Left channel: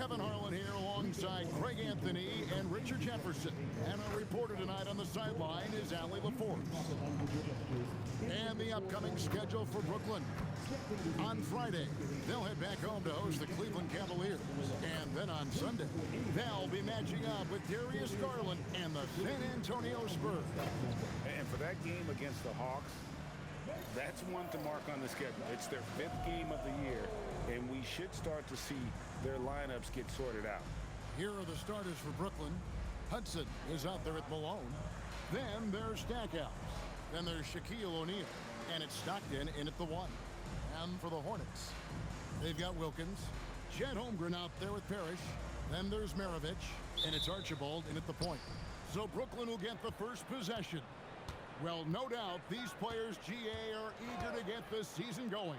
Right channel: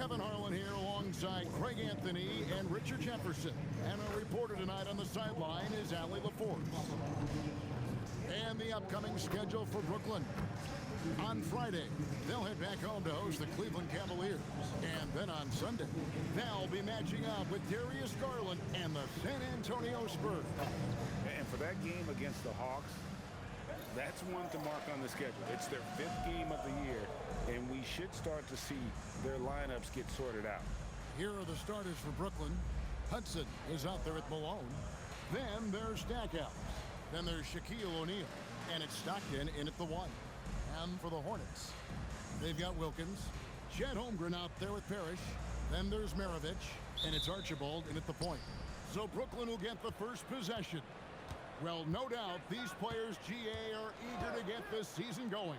Kevin Harlan here alongside Craig Anthony and Richard Jefferson. And our reporter tonight on the sideline is Allie LaForce. And the upcoming schedule for Brooklyn. On Friday, they'll head back home to host the Cleveland Cavaliers. And then on Sunday, they'll be matching up with Darius Garland and the San Antonio Spurs. And for that game against the Hawks, that's one to mark on the schedule. It's their 5th game of the year, and we should start to see their lineups get sorted out. Here are the starters for Brooklyn. Hudson is out there at Malone. Then there's Stackhouse. Then there's Shaquille O'Neal. And it's Stockton in at the 1. And for the Hornets, they've got Wilkins. Chet Holmgren out there with Parrish. Then there's Maravich. And it's Archibald in at the point. So Brooklyn will get the first possession. Well, no doubt these players, GA, are eager to get this season going.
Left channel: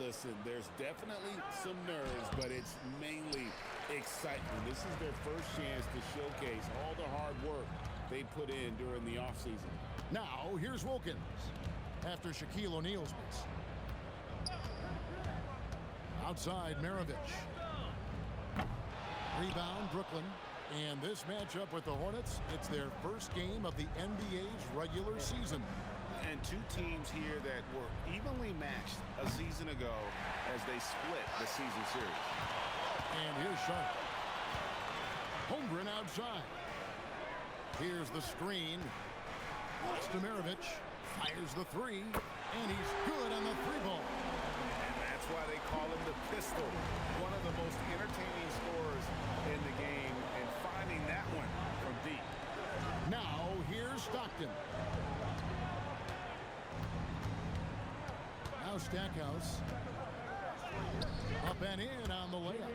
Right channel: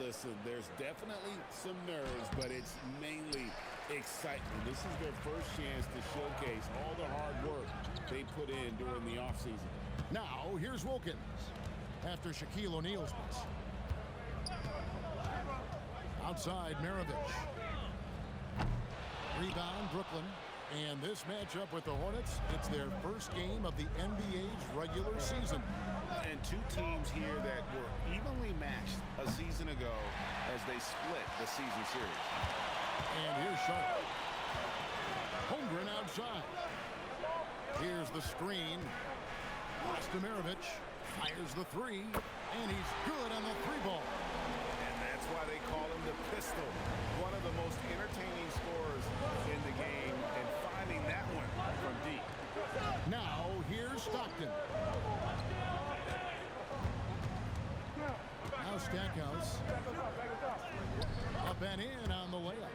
Listen, there's definitely some nerves, but it's mainly excitement. This is their first chance to showcase all the hard work they put in during the offseason. Now, here's Wilkins after Shaquille O'Neal's miss. Outside, Maravich. Rebound, Brooklyn. And this matchup with the Hornets, it's their first game of the NBA's regular season. And two teams here that were evenly matched a season ago as they split the season series. And here's Charlotte. Holmgren outside. Here's the screen. Pass to Maravich. Fires the 3. And he's good on the 3 ball. And that's why they call him the pistol. One of the most entertaining scorers in the game, and finding that one from deep. Now, here's Stockton. Now Stackhouse. Up and in on the layup.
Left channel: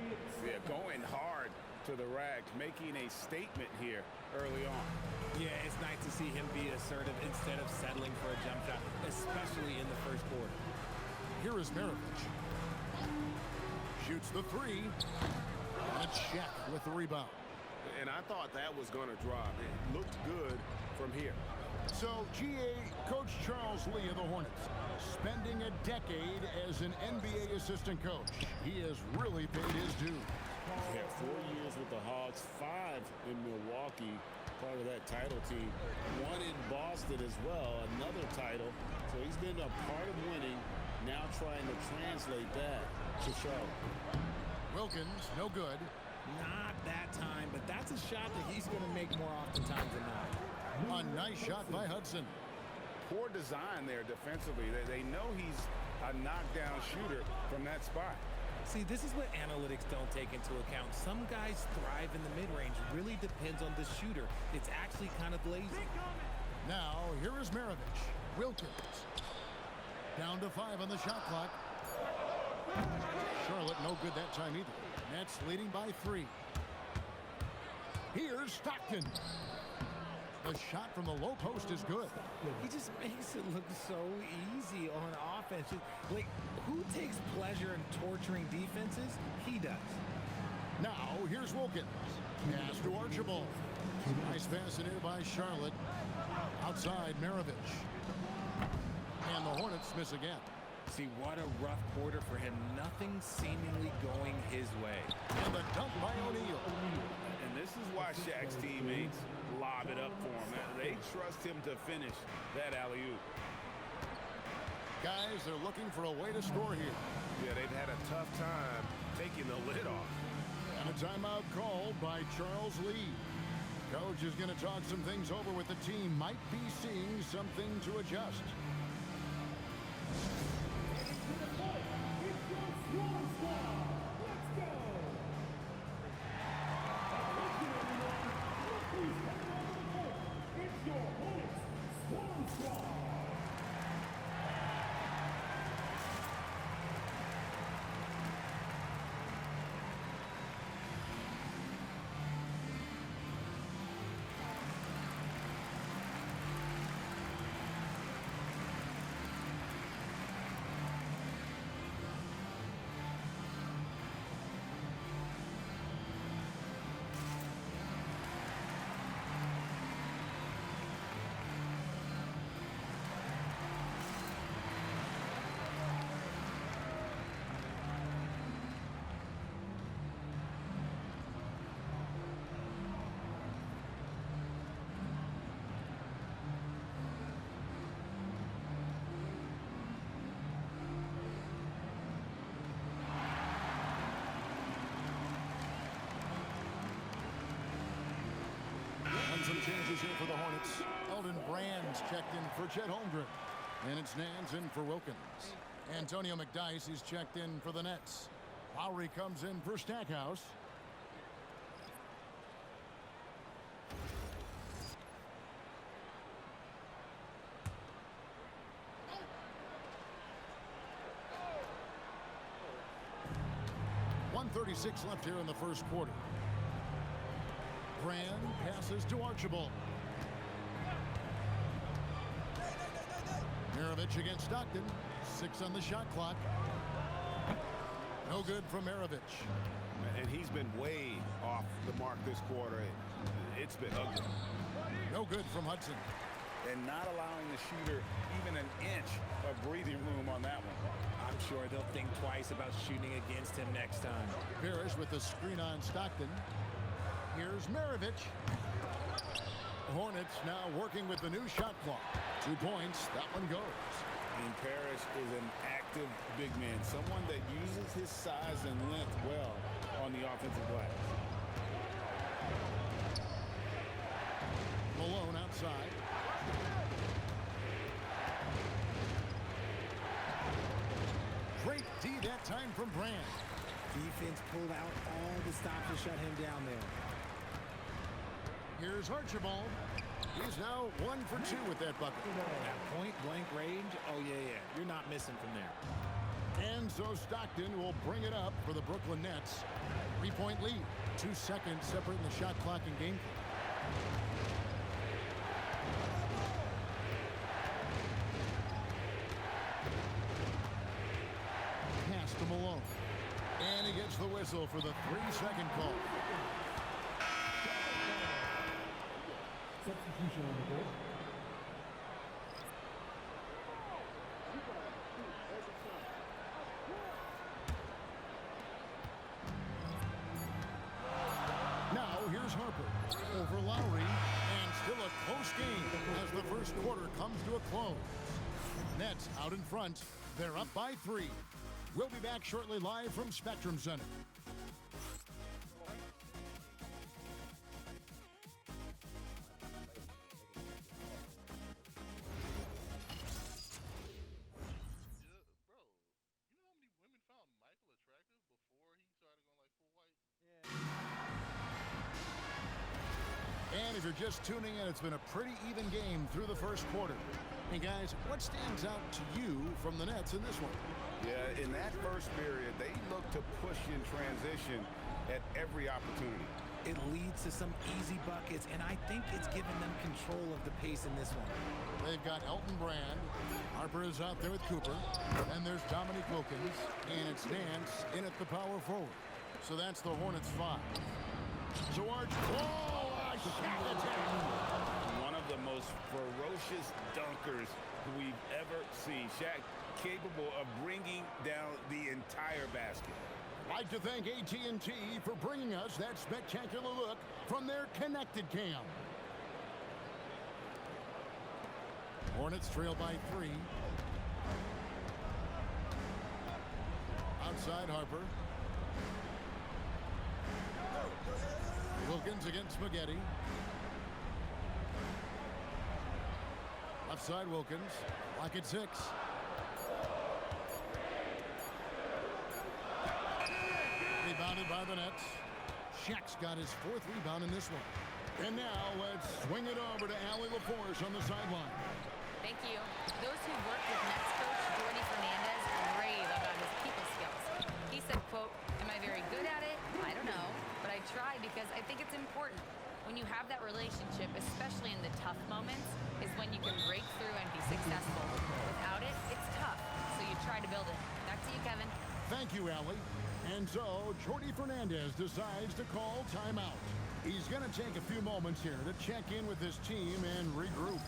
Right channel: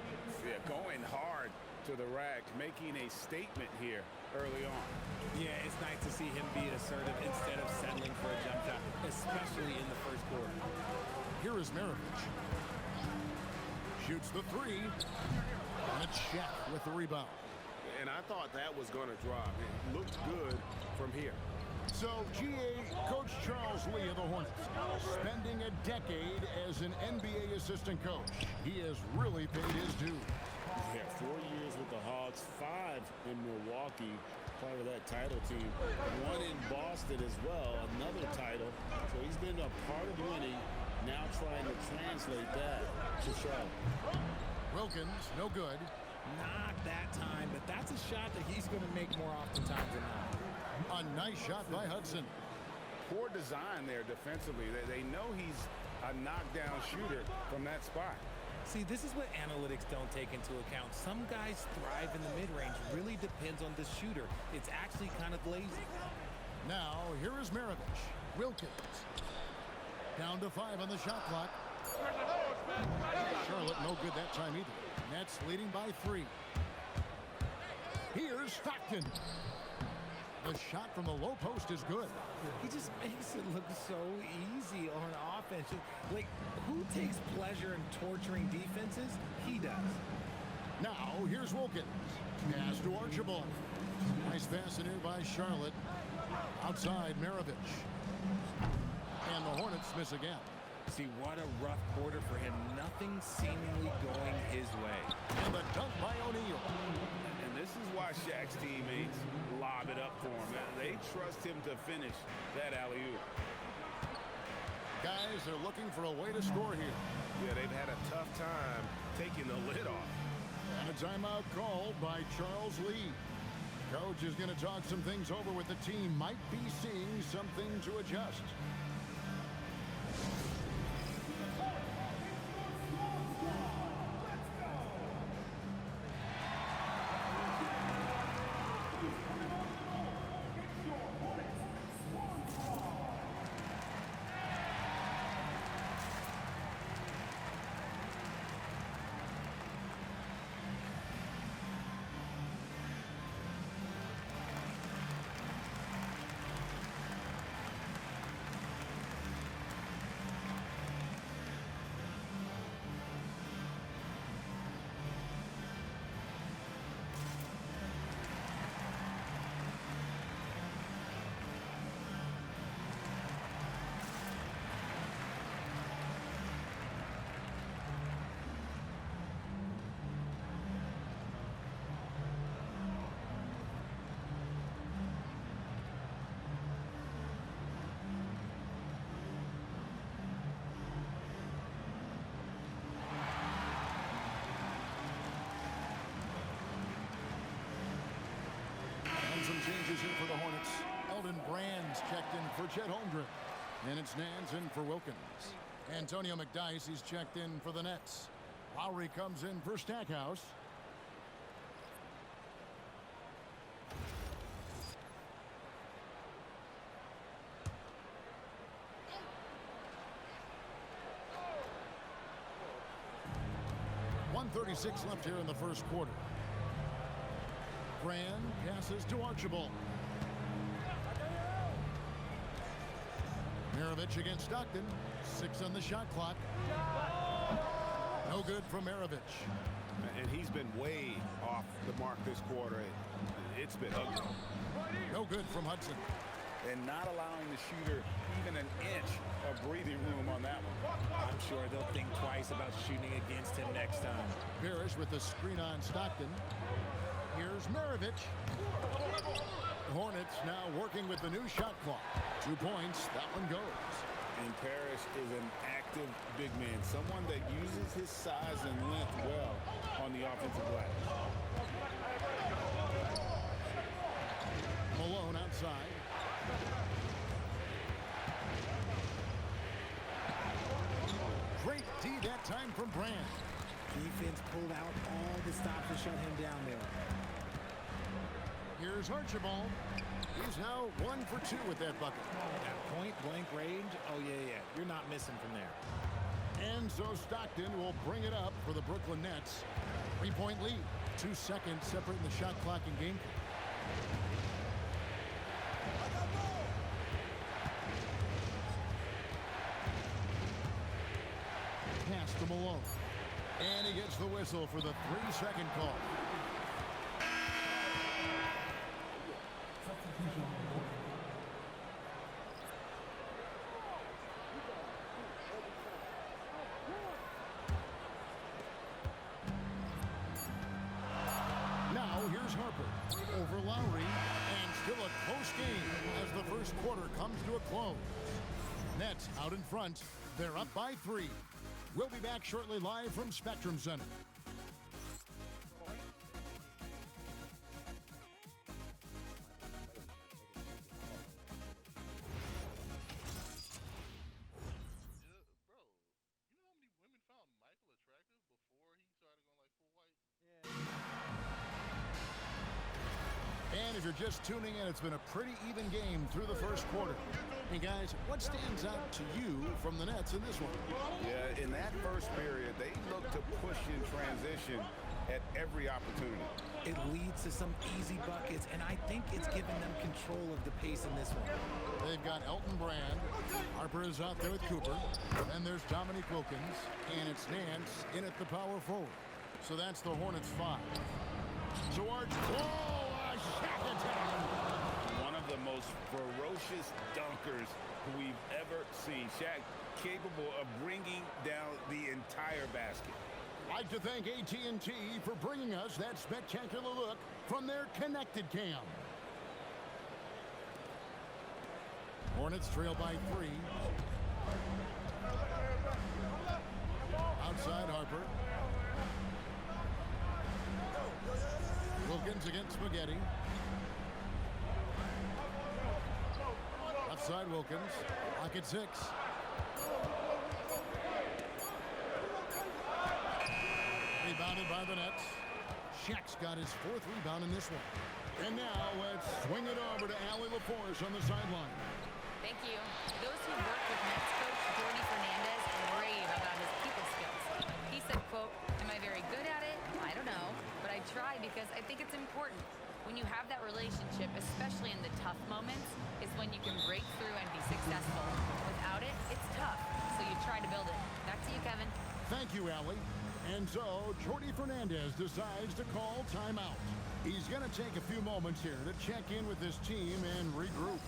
Yeah, going hard to the rack, making a statement here early on. Yeah, it's nice to see him be assertive instead of settling for a jump shot, especially in the first quarter. Here is Maravich. Shoots the 3. And a check with the rebound. And I thought that was going to drop. It looked good from here. So, GA, Coach Charles Lee of the Hornets, spending a decade as an NBA assistant coach. He has really paid his dues. Yeah, 4 years with the Hawks, 5 in Milwaukee, part of that title team. 1 in Boston as well, another title. So he's been a part of winning, now trying to translate that to Charlotte. Wilkins, no good. Not that time, but that's a shot that he's going to make more oftentimes than not. A nice shot by Hudson. Poor design there defensively. They know he's a knockdown shooter from that spot. See, this is what analytics don't take into account. Some guys thrive in the mid-range. Really depends on the shooter. It's actually kind of lazy. Now, here is Maravich. Wilkins. Down to 5 on the shot clock. Charlotte no good that time either. Nets leading by 3. Here's Stockton. The shot from the low post is good. He just makes it look so easy on offense. Like, who takes pleasure in torturing defenses? He does. Now, here's Wilkins. Pass to Archibald. Nice pass in here by Charlotte. Outside, Maravich. And the Hornets miss again. See, what a rough quarter for him. Nothing seemingly going his way. And the dunk by O'Neal. And this is why Shaq's teammates lob it up for him. They trust him to finish that alley-oop. Guys, they're looking for a way to score here. Yeah, they've had a tough time taking the lid off. And a timeout called by Charles Lee. Coach is going to talk some things over with the team. Might be seeing something to adjust. Some changes here for the Hornets. Elton Brand's checked in for Chet Holmgren. And it's Nance in for Wilkins. Antonio McDyess, he's checked in for the Nets. Lowry comes in for Stackhouse. .136 left here in the first quarter. Brand passes to Archibald. Maravich against Stockton. 6 on the shot clock. No good from Maravich. And he's been way off the mark this quarter. It's been ugly. No good from Hudson. And not allowing the shooter even an inch of breathing room on that one. I'm sure they'll think twice about shooting against him next time. Parrish with the screen on Stockton. Here's Maravich. Hornets now working with the new shot clock. 2 points. That one goes. And Parrish is an active big man, someone that uses his size and length well on the offensive glass. Malone outside. Great D that time from Brand. Defense pulled out all the stops to shut him down there. Here's Archibald. He's now 1 for 2 with that bucket. At point-blank range, oh, yeah. You're not missing from there. And so Stockton will bring it up for the Brooklyn Nets. 3-point lead. 2 seconds separating the shot clock and game clock. Pass to Malone. And he gets the whistle for the 3-second call. Substitution on the board. Now here's Harper over Lowry, and still a close game as the first quarter comes to a close. Nets out in front. They're up by 3. We'll be back shortly live from Spectrum Center. And if you're just tuning in, it's been a pretty even game through the first quarter. And guys, what stands out to you from the Nets in this one? Yeah, in that first period, they look to push in transition at every opportunity. It leads to some easy buckets, and I think it's given them control of the pace in this one. They've got Elton Brand. Harper is out there with Cooper. Then there's Dominique Wilkins. And it's Nance in at the power forward. So that's the Hornets 5. So Arch, whoa, a shot attack. One of the most ferocious dunkers we've ever seen. Shaq capable of bringing down the entire basket. Like to thank AT&T for bringing us that spectacular look from their connected cam. Hornets trail by 3. Outside Harper. Wilkins against Spaghetti. Left side Wilkins. Lock at 6. Rebounded by the Nets. Shaq's got his 4th rebound in this one. And now let's swing it over to Allie LaForce on the sideline. Thank you. Those who worked with Nets coach Jordi Fernandez rave about his people skills. He said, quote, "Am I very good at it? I don't know, but I try because I think it's important. When you have that relationship, especially in the tough moments, is when you can break through and be successful. Without it, it's tough, so you try to build it." Back to you, Kevin. Thank you, Allie. And so Jordi Fernandez decides to call timeout. He's going to take a few moments here to check in with his team and regroup.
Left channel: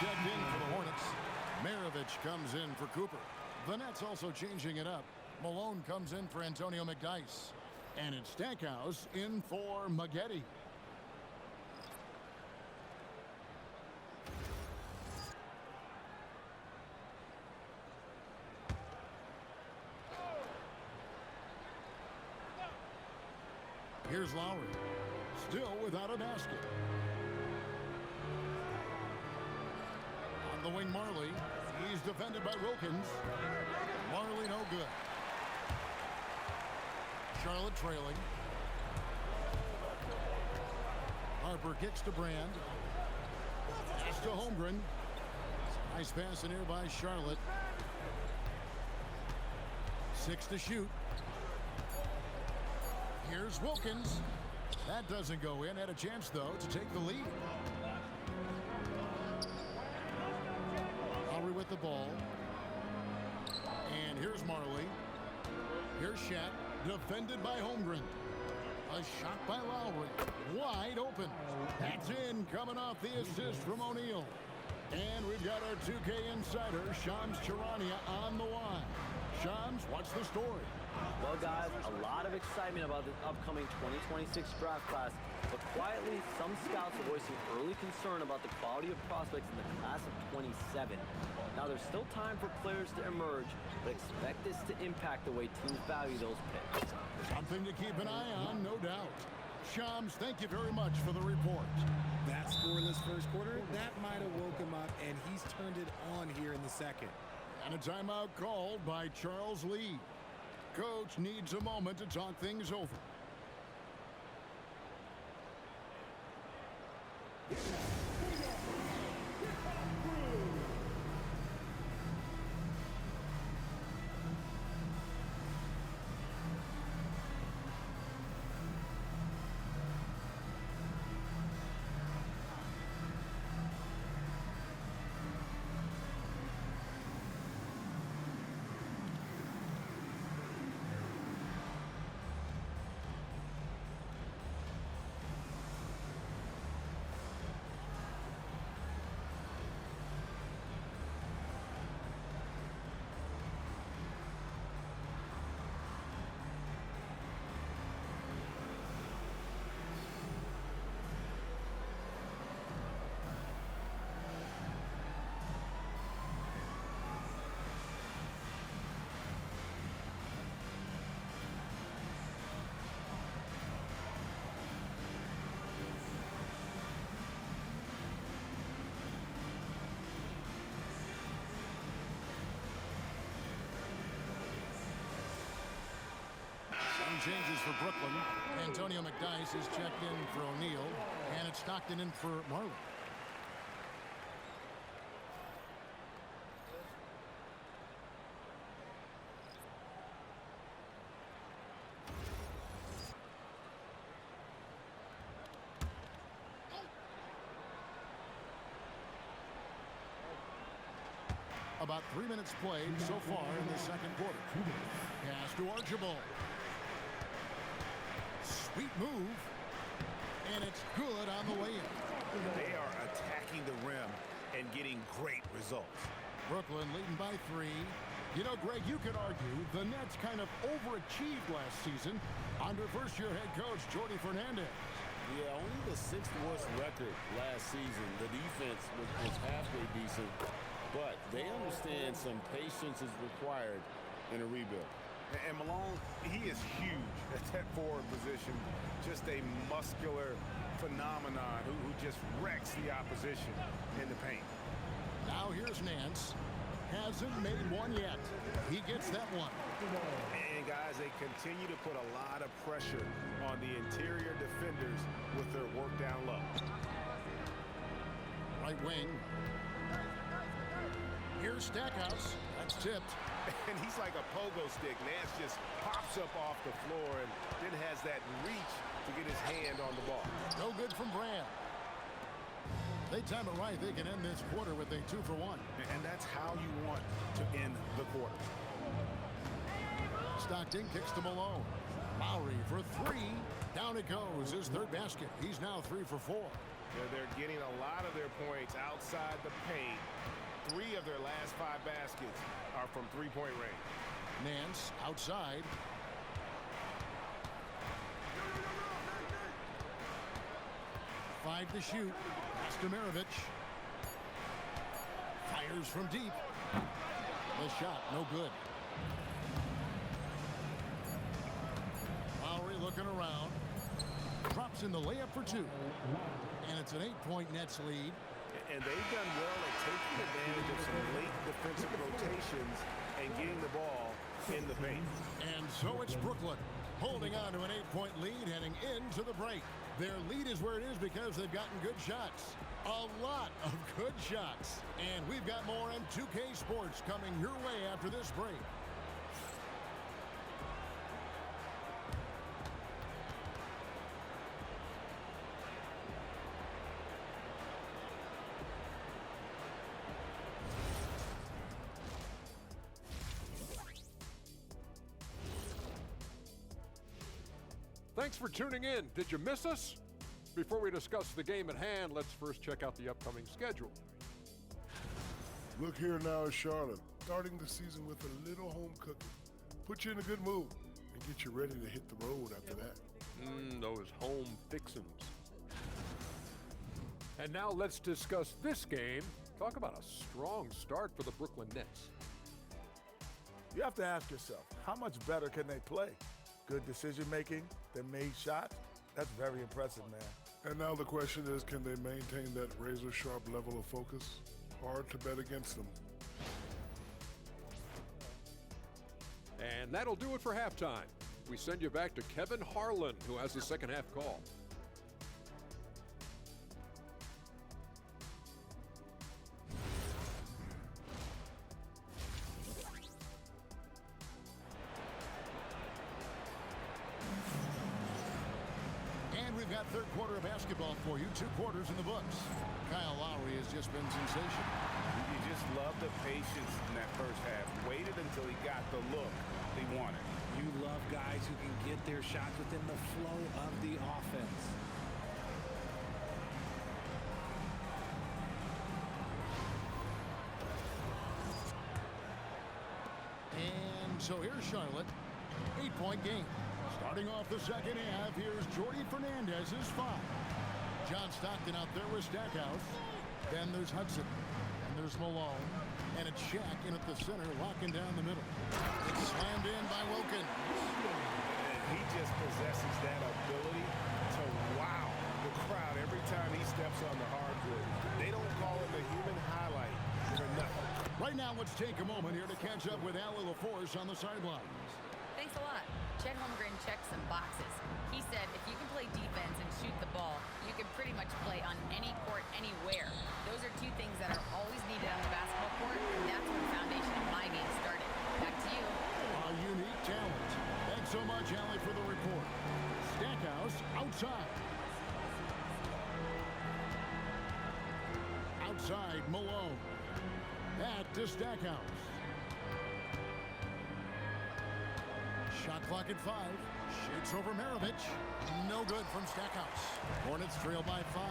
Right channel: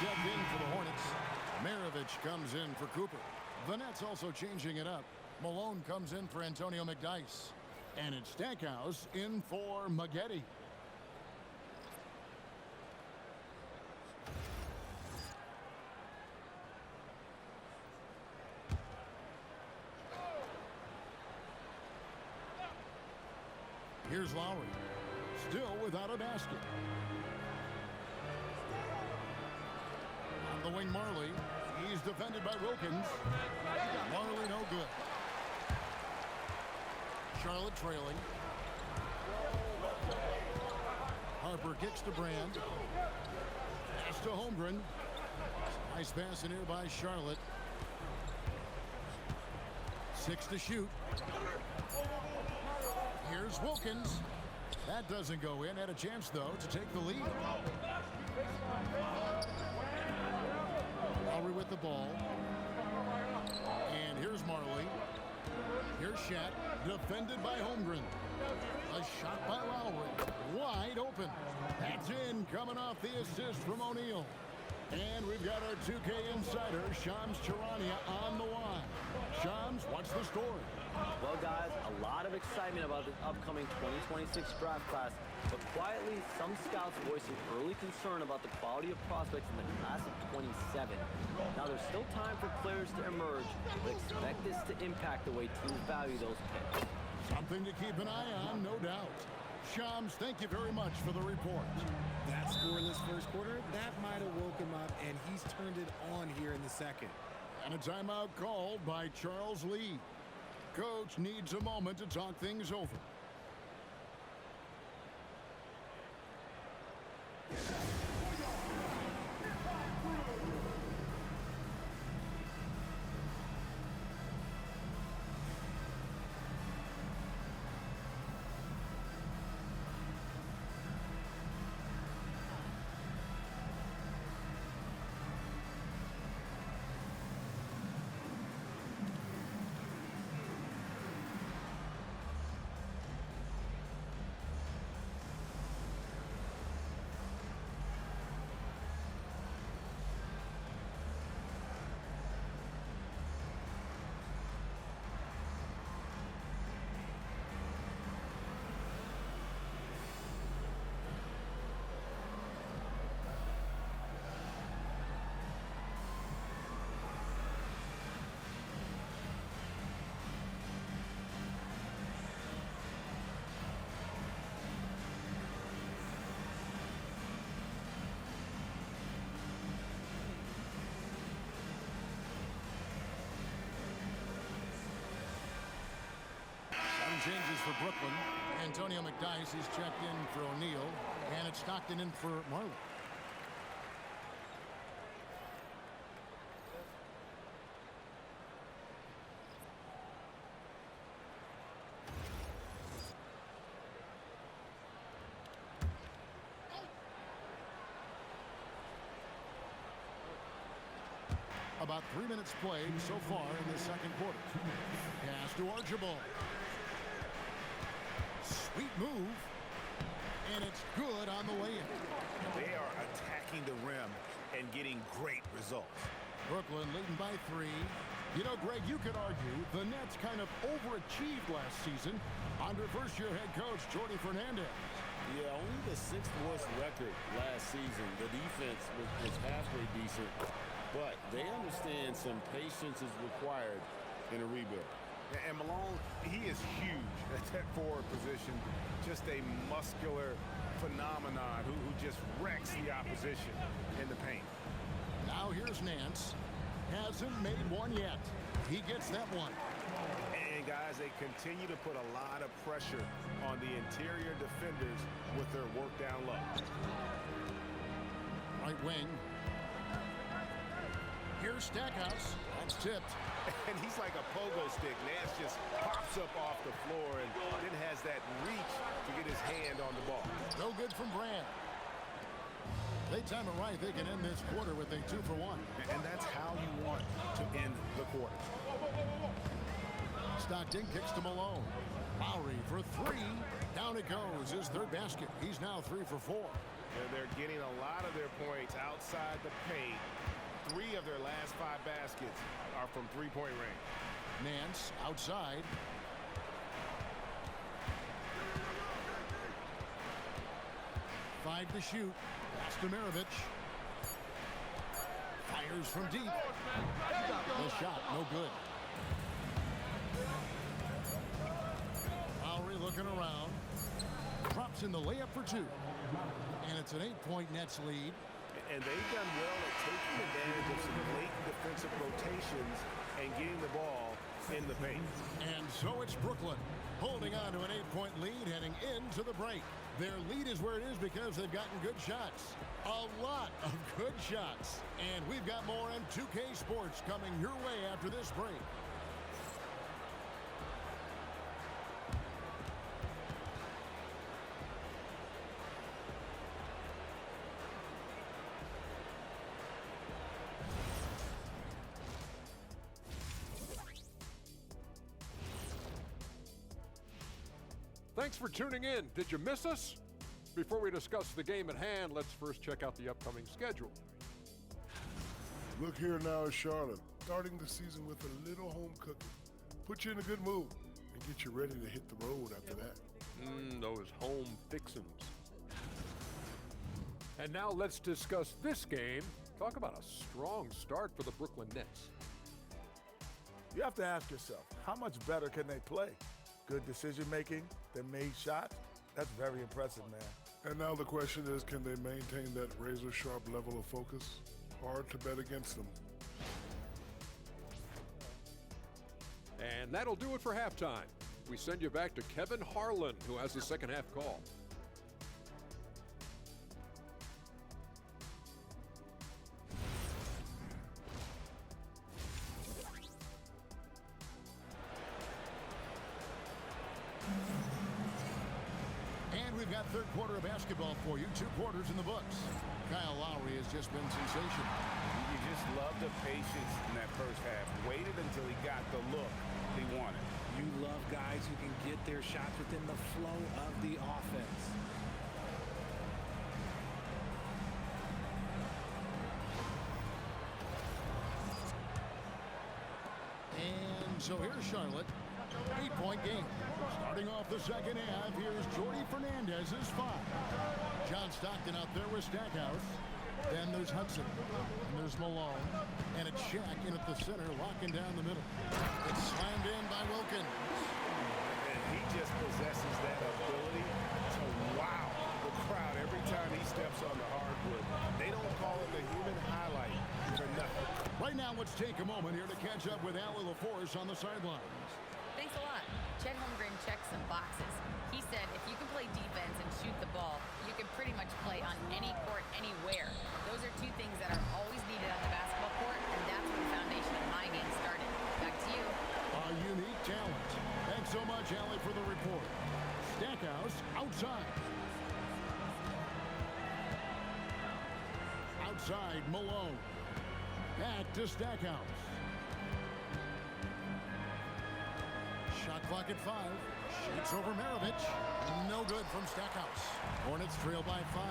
checked in for the Hornets. Maravich comes in for Cooper. The Nets also changing it up. Malone comes in for Antonio McDyess. And it's Stackhouse in for Maggette. Here's Lowry. Still without a basket. On the wing, Marley. He's defended by Wilkins. Marley no good. Charlotte trailing. Harper kicks to Brand. Pass to Holmgren. Nice pass in here by Charlotte. 6 to shoot. Here's Wilkins. That doesn't go in. Had a chance, though, to take the lead. Lowry with the ball. And here's Marley. Here's Shat. Defended by Holmgren. A shot by Lowry. Wide open. That's in. Coming off the assist from O'Neal. And we've got our 2K insider, Shams Charania, on the line. Shams, what's the story? Well, guys, a lot of excitement about the upcoming 2026 draft class, but quietly, some scouts are voicing early concern about the quality of prospects in the class of 27. Now, there's still time for players to emerge, but expect this to impact the way teams value those picks. Something to keep an eye on, no doubt. Shams, thank you very much for the report. That scoreless first quarter, that might have woke him up, and he's turned it on here in the second. And a timeout called by Charles Lee. Coach needs a moment to talk things over. Changes for Brooklyn. Antonio McDyess is checked in for O'Neal, and it's Stockton in for Marley. About 3 minutes played so far in the second quarter. Pass to Archibald. Sweet move, and it's good on the way in. They are attacking the rim and getting great results. Brooklyn leading by 3. You know, Greg, you could argue the Nets kind of overachieved last season under first-year head coach Jordi Fernandez. Yeah, only the 6th worst record last season. The defense was halfway decent, but they understand some patience is required in a rebuild. And Malone, he is huge at that forward position. Just a muscular phenomenon who just wrecks the opposition in the paint. Now here's Nance. Hasn't made one yet. He gets that one. And guys, they continue to put a lot of pressure on the interior defenders with their work down low. Right wing. Here's Stackhouse. That's tipped. And he's like a pogo stick. Nance just pops up off the floor and then has that reach to get his hand on the ball. No good from Brand. They time it right. They can end this quarter with a 2-for-1. And that's how you want to end the quarter. Stockton kicks to Malone. Lowry for 3. Down it goes. His third basket. He's now 3 for 4. They're getting a lot of their points outside the paint. 3 of their last 5 baskets are from three-point range. Nance outside. Five to shoot. Pass to Maravich. Fires from deep. The shot, no good. Lowry looking around. Drops in the layup for 2. And it's an 8-point Nets lead. And they've done well at taking advantage of some late defensive rotations and getting the ball in the paint. And so it's Brooklyn holding on to an 8-point lead heading into the break. Their lead is where it is because they've gotten good shots. A lot of good shots. And we've got more M2K Sports coming your way after this break. Thanks for tuning in. Did you miss us? Before we discuss the game at hand, let's first check out the upcoming schedule. Look here now is Charlotte, starting the season with a little home cooking. Put you in a good mood and get you ready to hit the road after that. Those home fixins. And now let's discuss this game. Talk about a strong start for the Brooklyn Nets. You have to ask yourself, how much better can they play? Good decision making, they made shots. That's very impressive, man. And now the question is, can they maintain that razor-sharp level of focus? Hard to bet against them. And that'll do it for halftime. We send you back to Kevin Harlan, who has the second half call. And we've got third quarter of basketball for you. 2 quarters in the books. Kyle Lowry has just been sensational. You just love the patience in that first half. Waited until he got the look he wanted. You love guys who can get their shots within the flow of the offense. And so here's Charlotte. 8-point game. Starting off the second half, here's Jordy Fernandez's 5. John Stockton out there with Stackhouse. Then there's Hudson. And there's Malone. And it's Shaq in at the center, locking down the middle. It's slammed in by Wilkins. And he just possesses that ability to wow the crowd every time he steps on the hardwood. They don't call him the human highlight for nothing. Right now, let's take a moment here to catch up with Allie LaForce on the sidelines. Thanks a lot. Chet Holmgren checked some boxes. He said if you can play defense and shoot the ball, you can pretty much play on any court, anywhere. Those are 2 things that are always needed on the basketball court, and that's where the foundation of my game started. Back to you. A unique talent. Thanks so much, Allie, for the report. Stackhouse outside. Outside, Malone. Back to Stackhouse. Shot clock at 5. Shakes over Maravich. No good from Stackhouse. Hornets trail by 5.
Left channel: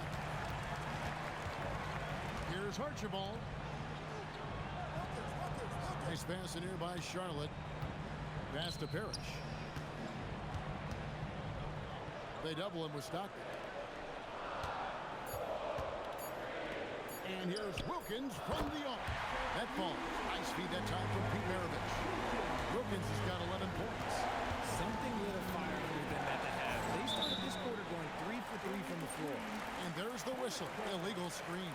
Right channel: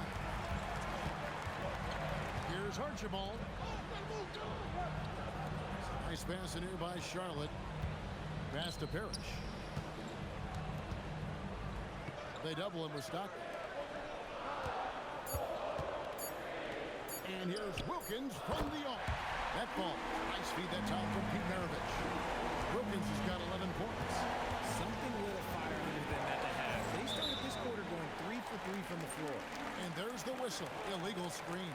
Here's Archibald. Nice pass in here by Charlotte. Pass to Parrish. They double him with Stockton. And here's Wilkins from the arc. That ball. Nice feed that time from Pete Maravich. Wilkins has got 11 points. Something lit a fire under them at the half. They started this quarter going 3 for 3 from the floor. And there's the whistle. Illegal screen.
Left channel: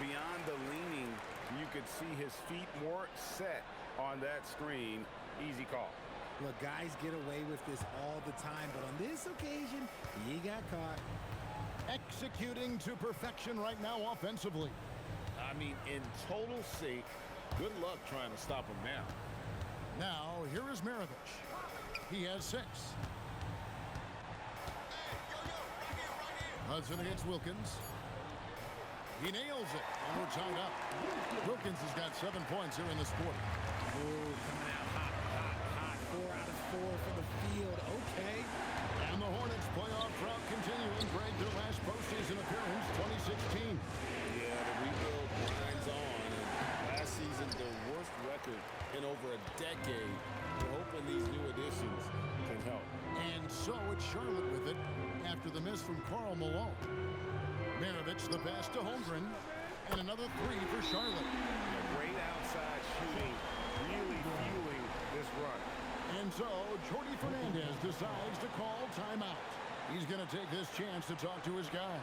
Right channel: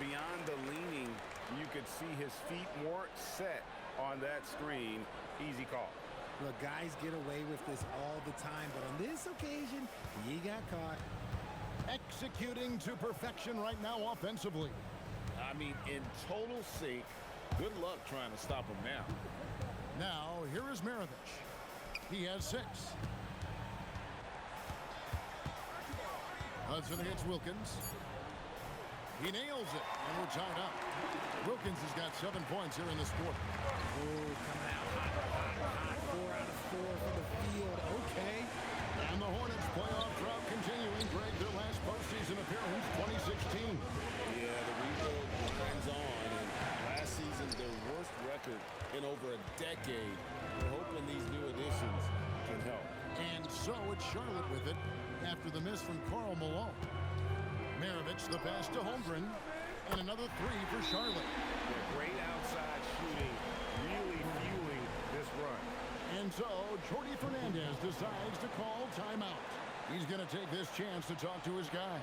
Beyond the leaning, you could see his feet more set on that screen. Easy call. Look, guys get away with this all the time, but on this occasion, he got caught. Executing to perfection right now offensively. I mean, in total sync. Good luck trying to stop him now. Now, here is Maravich. He has 6. Hudson against Wilkins. He nails it, and we're tied up. Wilkins has got 7 points here in this quarter. Oh, coming out hot, hot, hot. 4 out of 4 for the field. Okay. And the Hornets playoff drought continuing. Greg, their last postseason appearance, 2016. Yeah, the rebuild grinds on, and last season, their worst record in over a decade. We're hoping these new additions can help. And so it's Charlotte with it after the miss from Karl Malone. Maravich the pass to Holmgren, and another three for Charlotte. Yeah, great outside shooting, really fueling this run. And so Jordi Fernandez decides to call timeout. He's going to take this chance to talk to his guys.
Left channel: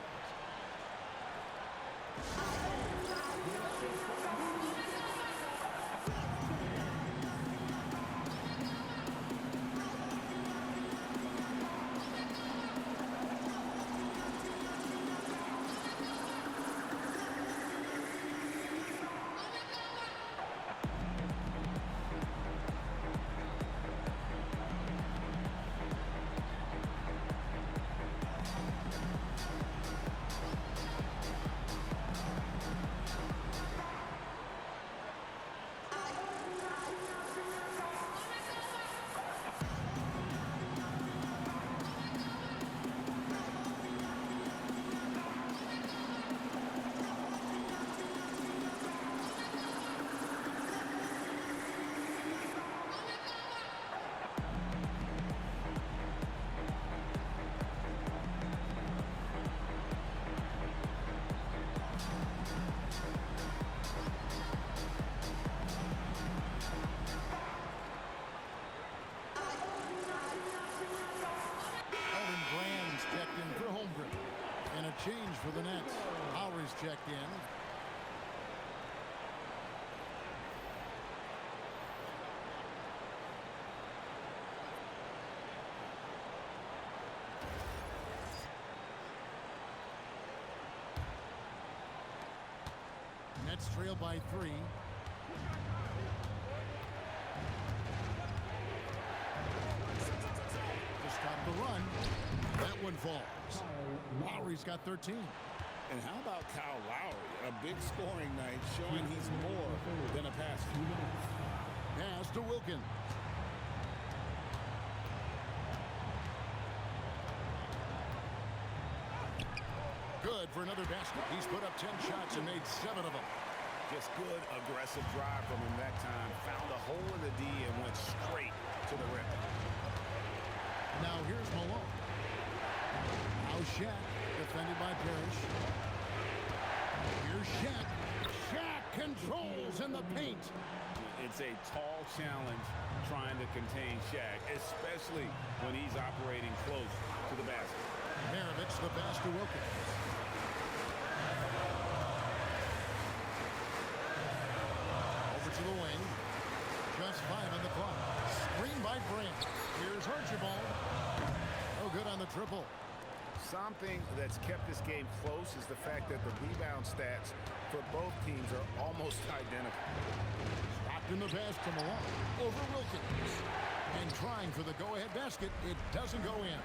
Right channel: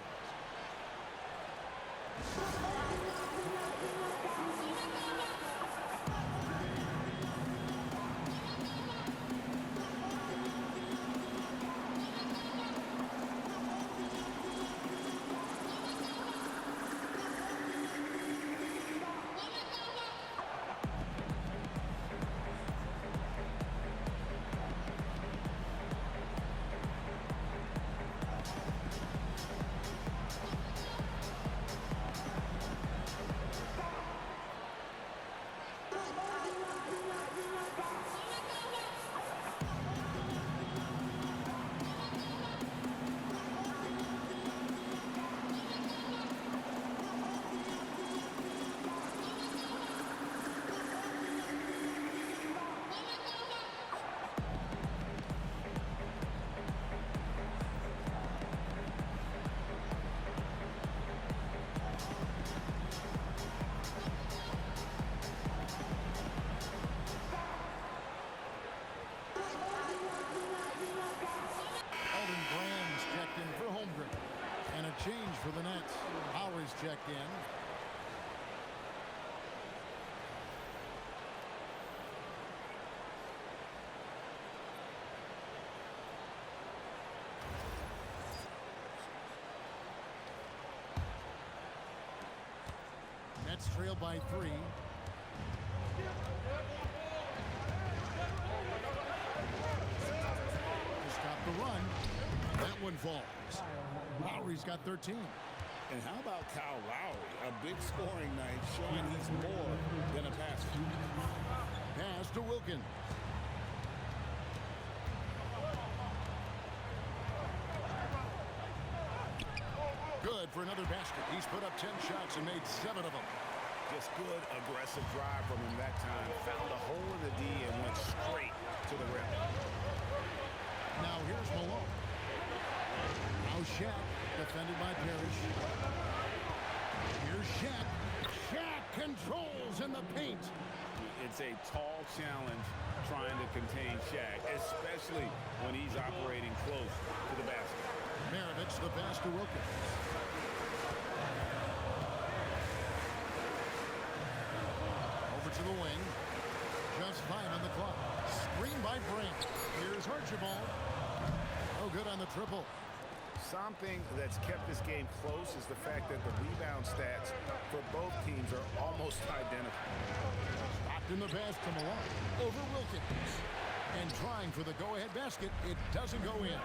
Checked in for Holmgren. And a change for the Nets. Lowry's checked in. Nets trail by 3. To stop the run. That one falls. Lowry's got 13. And how about Kyle Lowry? A big scoring night showing he's more than a passer. Pass to Wilkins. Good for another basket. He's put up 10 shots and made 7 of them. Just good aggressive drive from him that time. Found a hole in the D and went straight to the rim. Now here's Malone. Now Shaq, defended by Parrish. Here's Shaq. Shaq controls in the paint. It's a tall challenge trying to contain Shaq, especially when he's operating close to the basket. Maravich the pass to Wilkins. Over to the wing. Just 5 on the clock. Screen by Brand. Here's Archibald. No good on the triple. Something that's kept this game close is the fact that the rebound stats for both teams are almost identical. Stockton the pass to Malone. Over Wilkins. And trying for the go-ahead basket. It doesn't go in.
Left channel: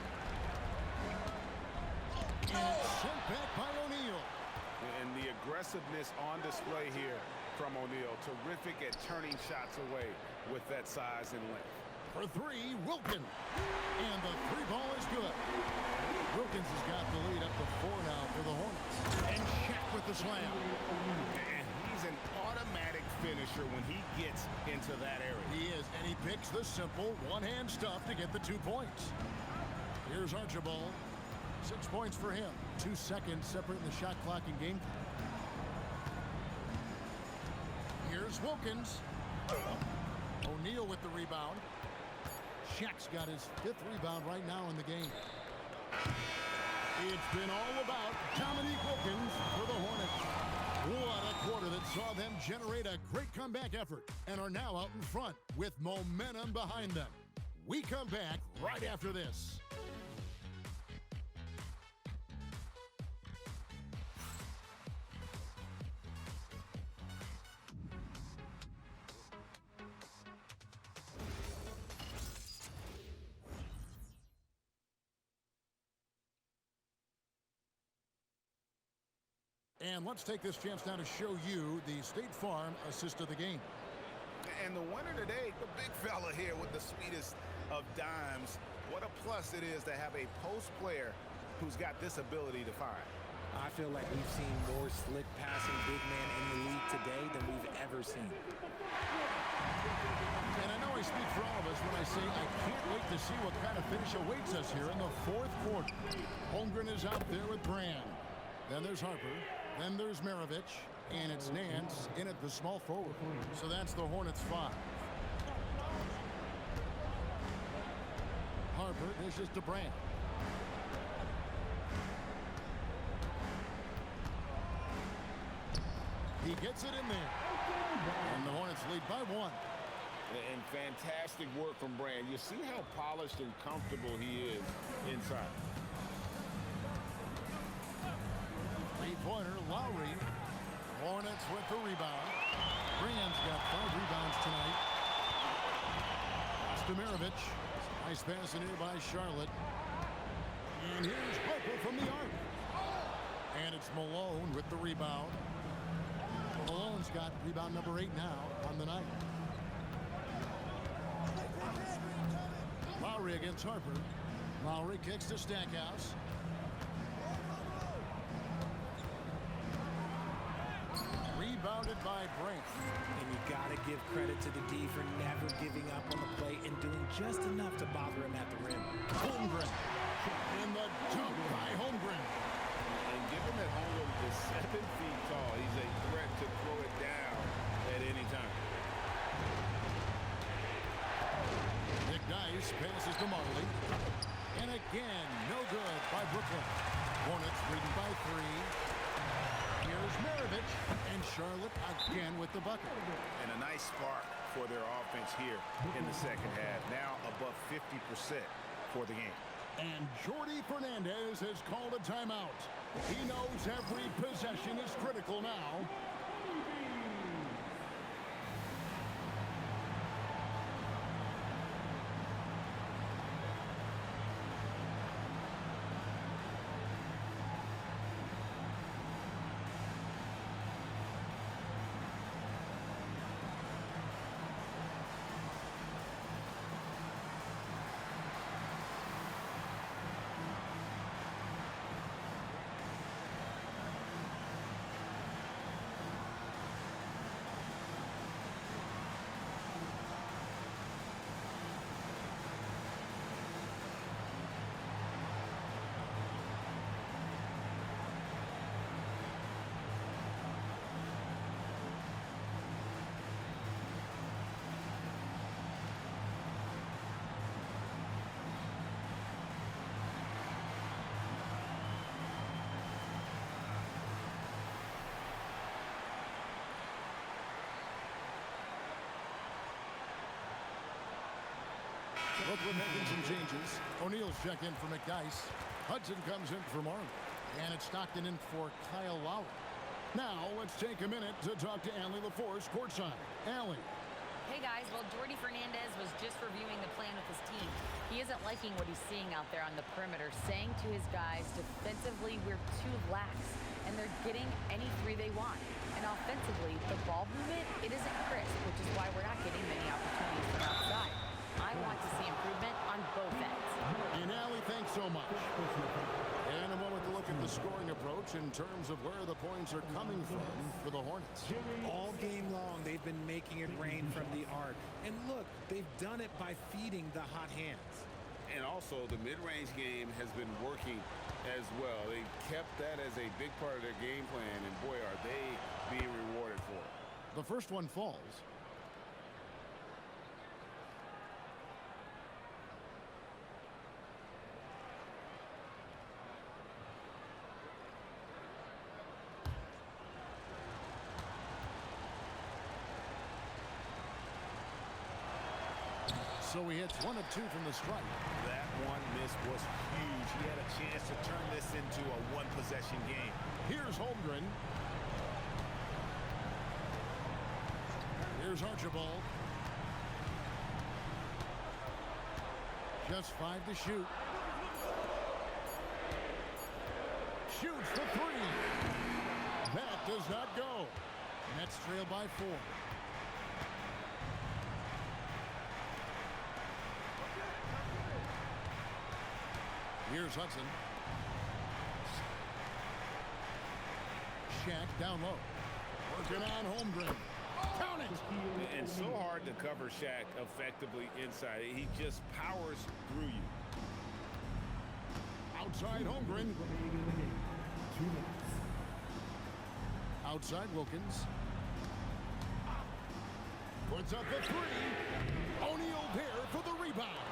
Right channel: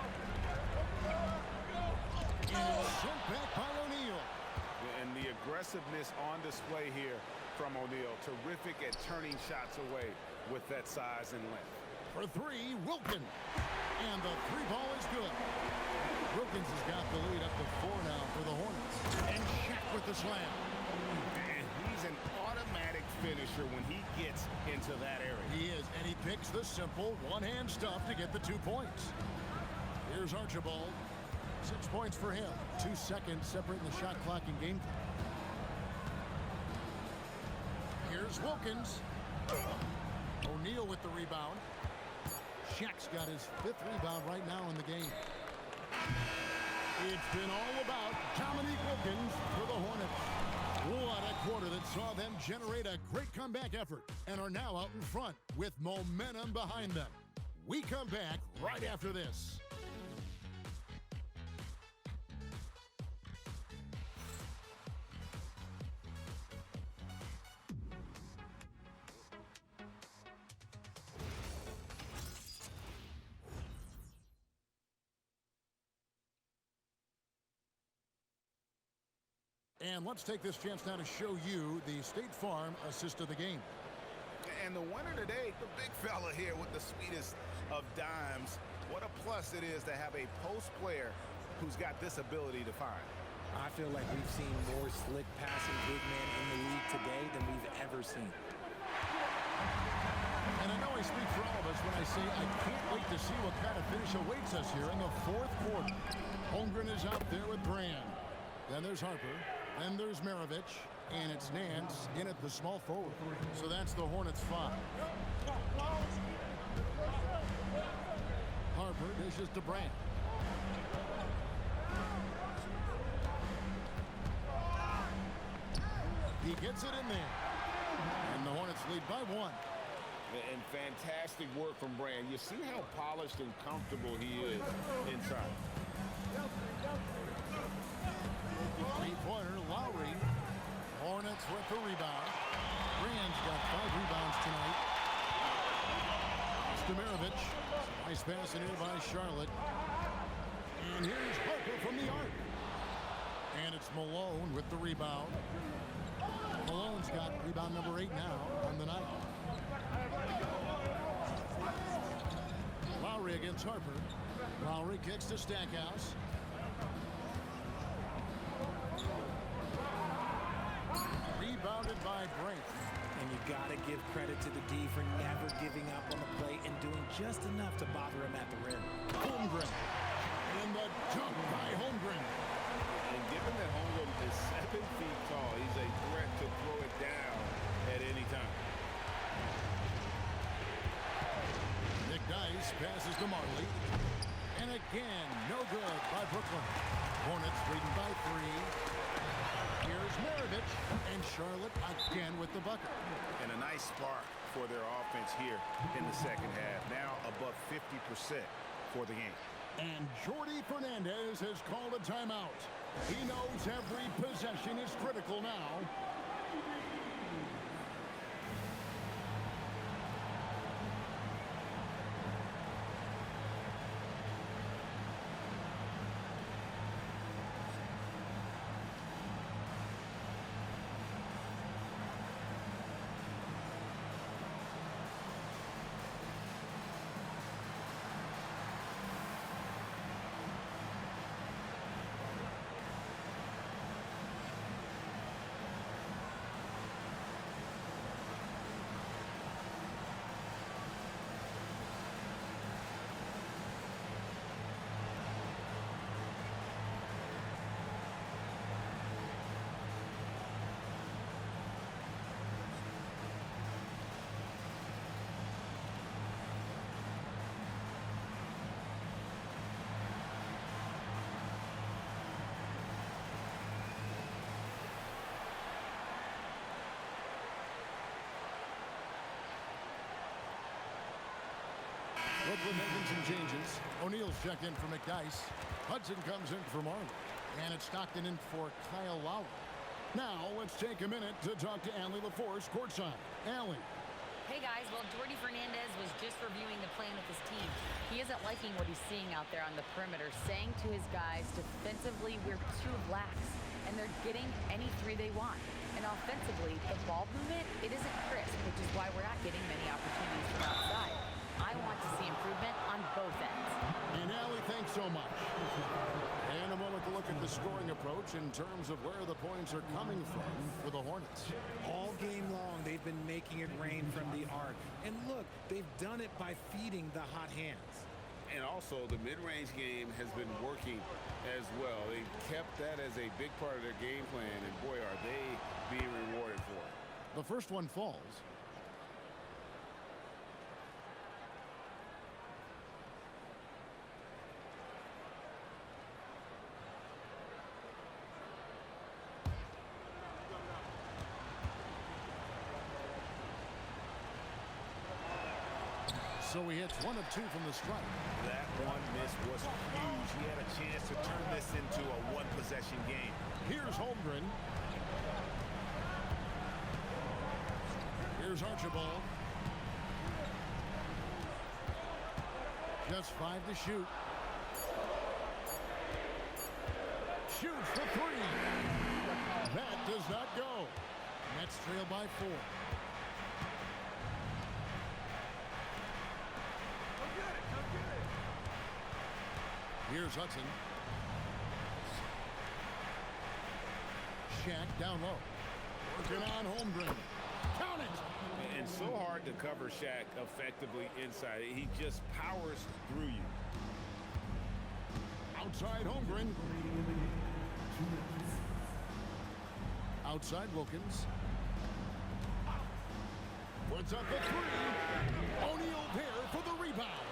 And it's sent back by O'Neal. And the aggressiveness on display here from O'Neal. Terrific at turning shots away with that size and length. For 3, Wilkins. And the 3 ball is good. Wilkins has got the lead up to 4 now for the Hornets. And Shaq with the slam. And he's an automatic finisher when he gets into that area. He is, and he picks the simple one-hand stuff to get the 2 points. Here's Archibald. 6 points for him. 2 seconds separating the shot clock and game clock. Here's Wilkins. O'Neal with the rebound. Shaq's got his 5th rebound right now in the game. It's been all about Dominique Wilkins for the Hornets. What a quarter that saw them generate a great comeback effort and are now out in front with momentum behind them. We come back right after this. And let's take this chance now to show you the State Farm assist of the game. And the winner today, the big fella here with the sweetest of dimes, What a plus it is to have a post player who's got this ability to find. I feel like we've seen more slick passing big man in the league today than we've ever seen. And I know I speak for all of us when I say I can't wait to see what kind of finish awaits us here in the fourth quarter. Holmgren is out there with Brand. Then there's Harper. Then there's Maravich. And it's Nance in at the small forward. So that's the Hornets 5. Harper dishes to Brand. He gets it in there. And the Hornets lead by 1. And fantastic work from Brand. You see how polished and comfortable he is inside. Three-pointer, Lowry. Hornets with the rebound. Brand's got 5 rebounds tonight. Maravich. Nice pass in here by Charlotte. And here's Harper from the arc. And it's Malone with the rebound. Malone's got rebound number 8 now on the night. Lowry against Harper. Lowry kicks to Stackhouse. Rebounded by Brink. And you got to give credit to the D for never giving up on the play and doing just enough to bother him at the rim. Holmgren. And the dunk by Holmgren. And given that Holmgren is 7 feet tall, he's a threat to throw it down at any time. McDyess passes to Marley. And again, no good by Brooklyn. Hornets leading by 3. Here's Maravich, and Charlotte again with the bucket. And a nice spark for their offense here in the second half. Now above 50% for the game. And Jordi Fernandez has called a timeout. He knows every possession is critical now. Brooklyn making some changes. O'Neal's checked in for McDyess. Hudson comes in for Marley. And it's Stockton in for Kyle Lowry. Now let's take a minute to talk to Allie LaForce courtside. Allie. Hey guys, well, Jordi Fernandez was just reviewing the plan with his team. He isn't liking what he's seeing out there on the perimeter, saying to his guys, defensively, we're too lax, and they're getting any 3 they want. And offensively, the ball movement, it isn't crisp, which is why we're not getting many opportunities from outside. I want to see improvement on both ends. And Allie, thanks so much. And a moment to look at the scoring approach in terms of where the points are coming from for the Hornets. All game long, they've been making it rain from the arc. And look, they've done it by feeding the hot hands. And also, the mid-range game has been working as well. They've kept that as a big part of their game plan, and boy, are they being rewarded for it. The first one falls. So he hits 1 of 2 from the strike. That one miss was huge. He had a chance to turn this into a one-possession game. Here's Holmgren. Here's Archibald. Just 5 to shoot. Shoots the 3. That does not go. Nets trail by 4. Here's Hudson. Shaq down low. Working on Holmgren. Count it! And so hard to cover Shaq effectively inside. He just powers through you. Outside Holmgren. Outside Wilkins. Puts up the three. O'Neal there for the rebound.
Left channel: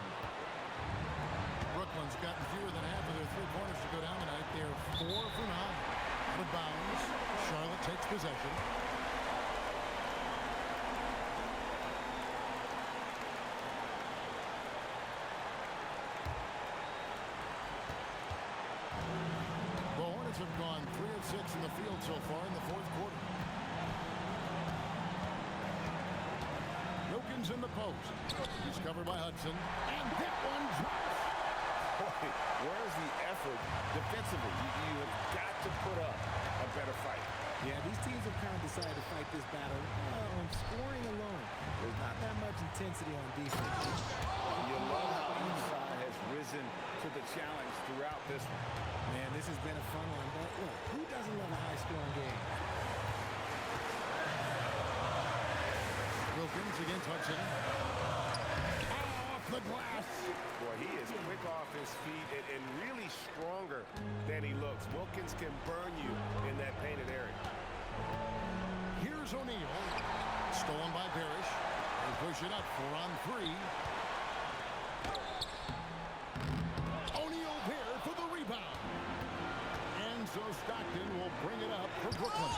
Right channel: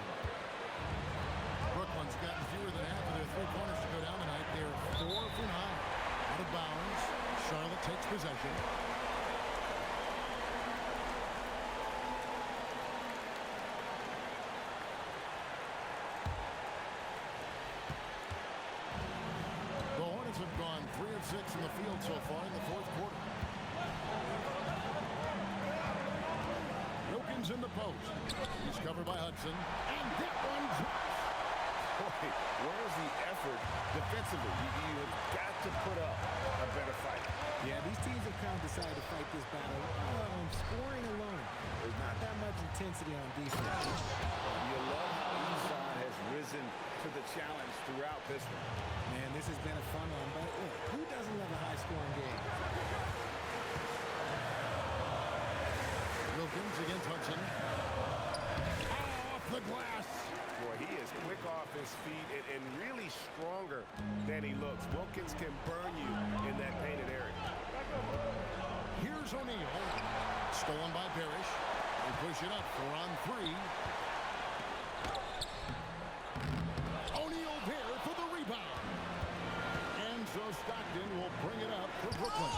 Brooklyn's gotten fewer than half of their three-pointers to go down tonight. They're 4 for 9. Out of bounds. Charlotte takes possession. The Hornets have gone 3 of 6 in the field so far in the fourth quarter. Wilkins in the post. He's covered by Hudson. And that one drops. Boy, where's the effort defensively? You have got to put up a better fight. Yeah, these teams have kind of decided to fight this battle on scoring alone. There's not that much intensity on defense. You love how each side has risen to the challenge throughout this one. Man, this has been a fun one, but look, who doesn't love a high-scoring game? Wilkins against Hudson. Off the glass. Boy, he is quick off his feet and really stronger than he looks. Wilkins can burn you in that painted area. Here's O'Neal. Stolen by Parrish. They push it up 4 on 3. O'Neal there for the rebound. And so Stockton will bring it up for Brooklyn.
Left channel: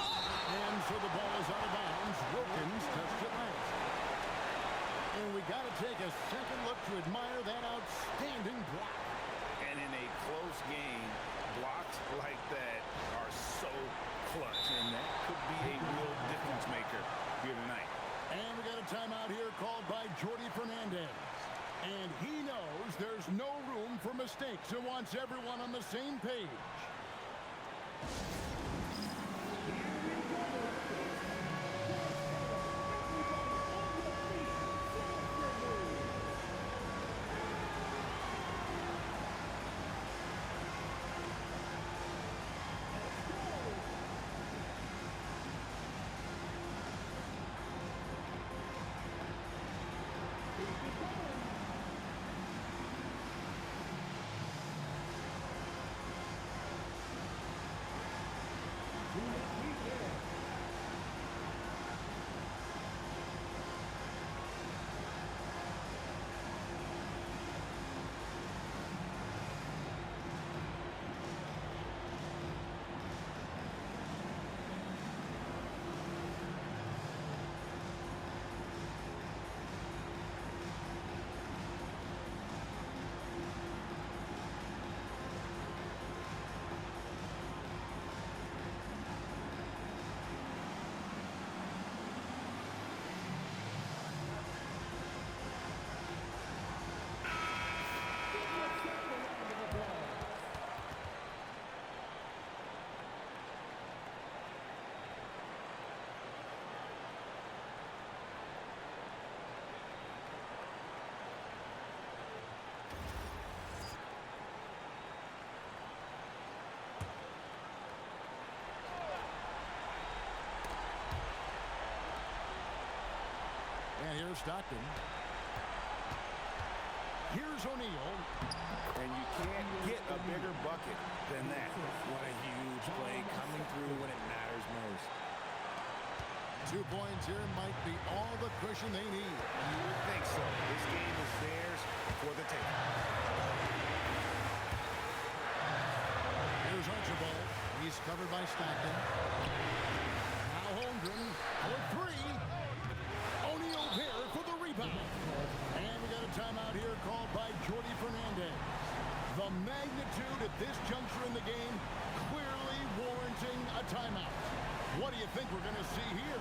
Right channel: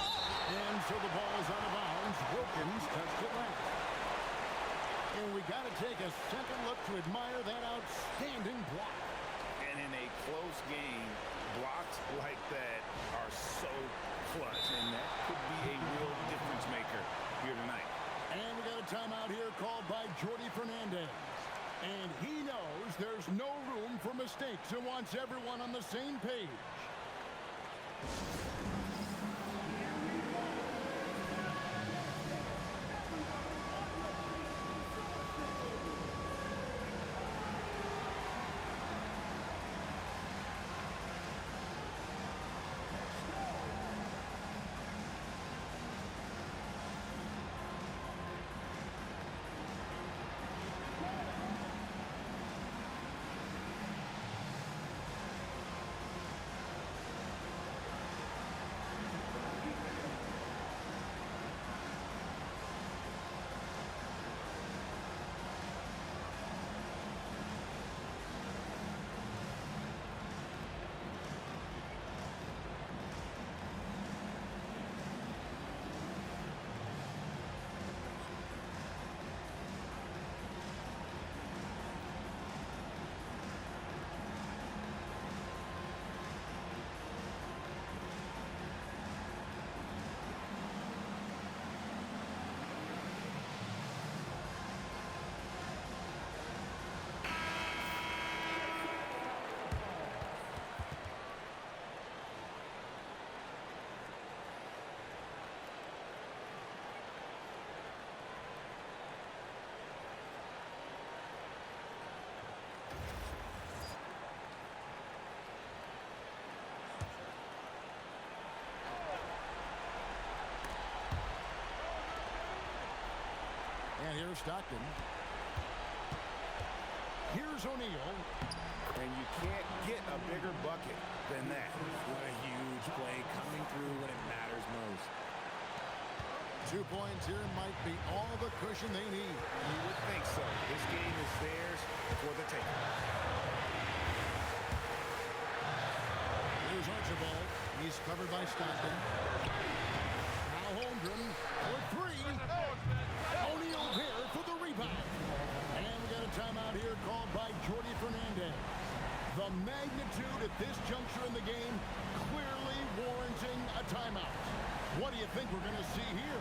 And so the ball is out of bounds. Wilkins touched it last. And we got to take a second look to admire that outstanding block. And in a close game, blocks like that are so clutch, and that could be a real difference maker here tonight. And we got a timeout here called by Jordi Fernandez. And he knows there's no room for mistakes and wants everyone on the same page. And here's Stockton. Here's O'Neal. And you can't get a bigger bucket than that. What a huge play coming through when it matters most. 2 points here might be all the cushion they need. You would think so. This game is theirs for the taking. Here's Archibald. He's covered by Stockton. Now Holmgren for 3. O'Neal there for the rebound. And we got a timeout here called by Jordi Fernandez. The magnitude at this juncture in the game clearly warranting a timeout. What do you think we're going to see here?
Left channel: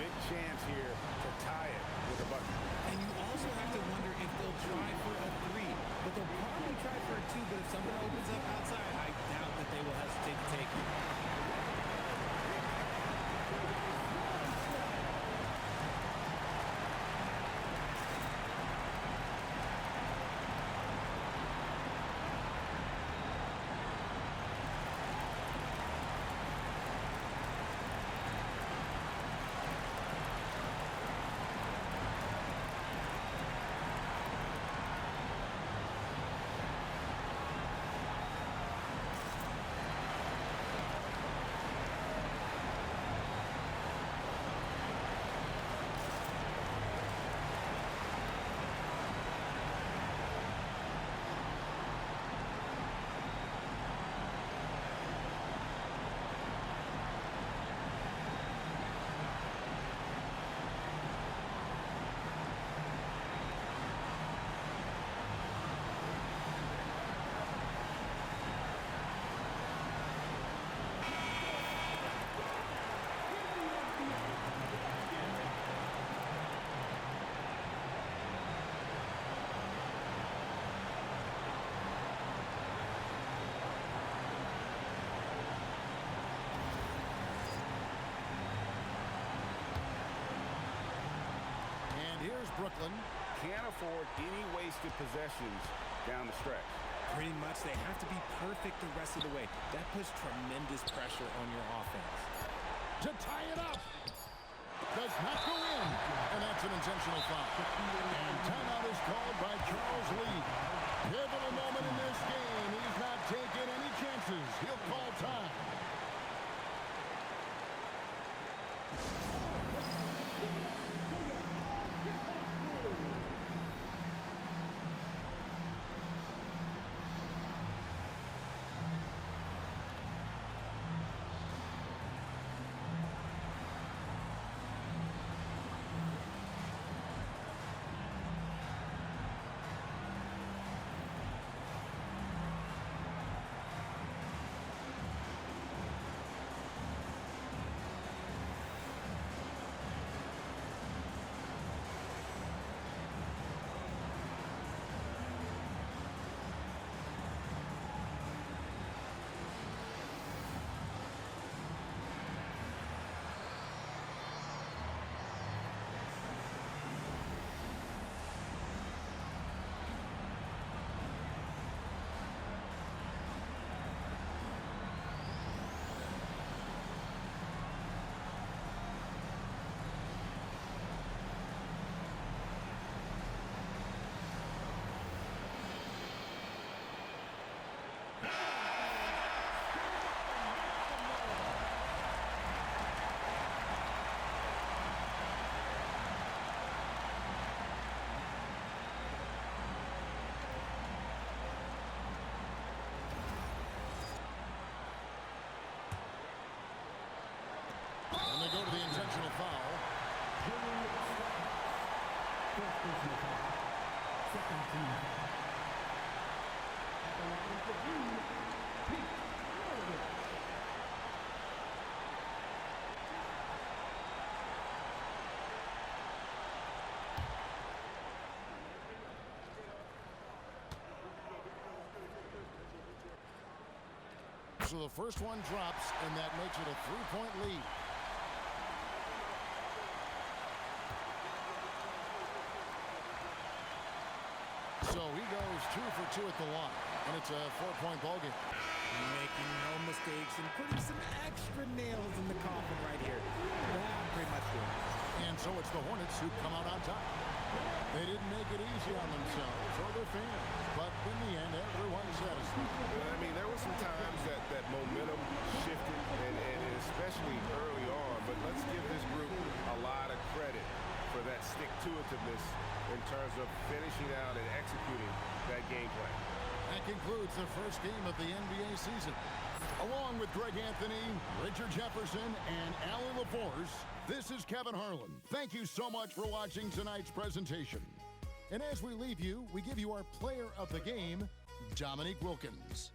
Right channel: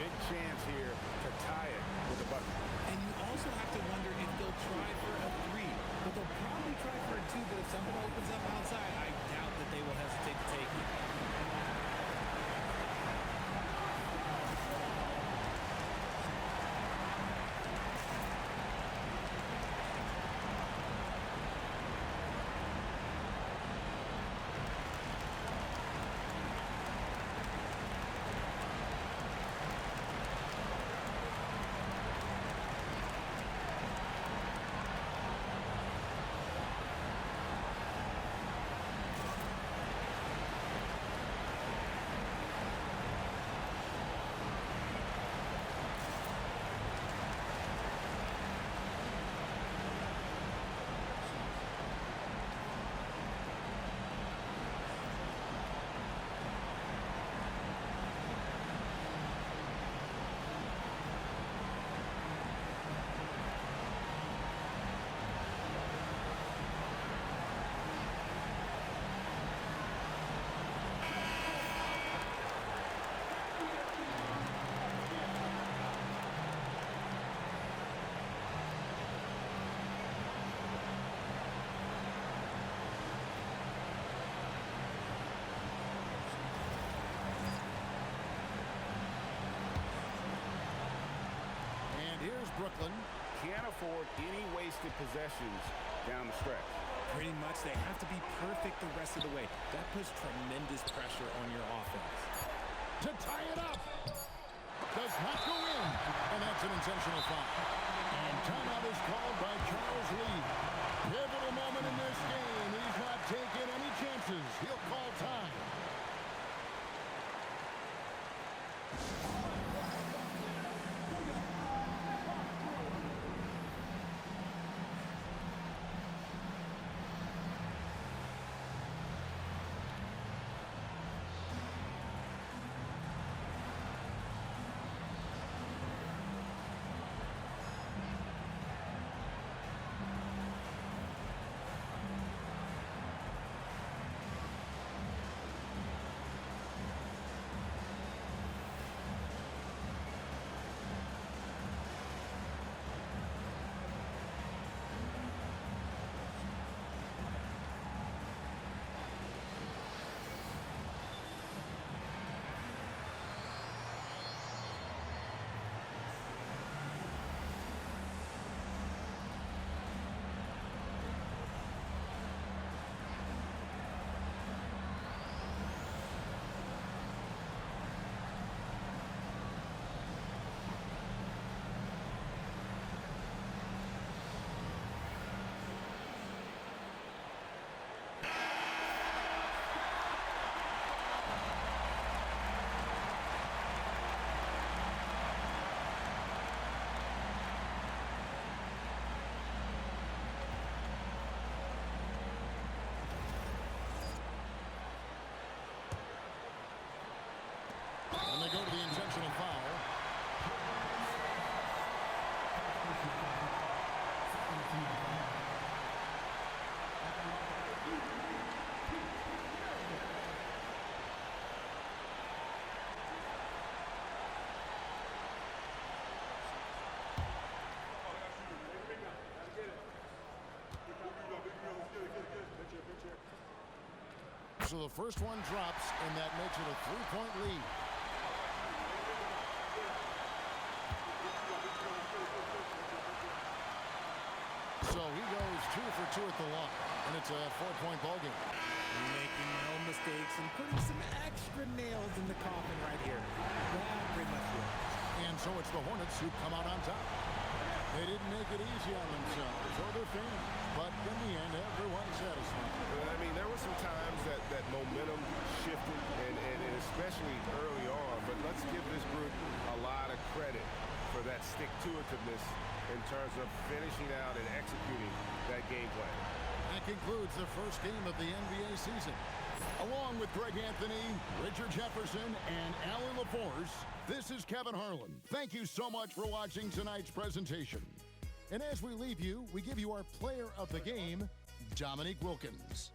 Big chance here to tie it with a bucket. And you also have to wonder if they'll try for a 3. But they'll probably try for a 2. But if something opens up outside, I doubt that they will hesitate to take it. And here's Brooklyn. Can't afford any wasted possessions down the stretch. Pretty much, they have to be perfect the rest of the way. That puts tremendous pressure on your offense. To tie it up. Does not go in. And that's an intentional foul. And timeout is called by Charles Lee. Pivotal moment in this game. He's not taking any chances. He'll call time. And they go to the intentional foul. So the first one drops, and that makes it a three-point lead. So he goes 2 for 2 at the line, and it's a 4-point ball game. Making no mistakes and putting some extra nails in the coffin right here. That pretty much will. And so it's the Hornets who come out on top. They didn't make it easy on themselves or their fans, but in the end, everyone's satisfied. I mean, there were some times that momentum shifted, and especially early on, but let's give this group a lot of credit for that stick-to-itiveness in terms of finishing out and executing that game plan. That concludes the first game of the NBA season. Along with Greg Anthony, Richard Jefferson, and Allie LaForce, this is Kevin Harlan. Thank you so much for watching tonight's presentation. And as we leave you, we give you our player of the game, Dominique Wilkins.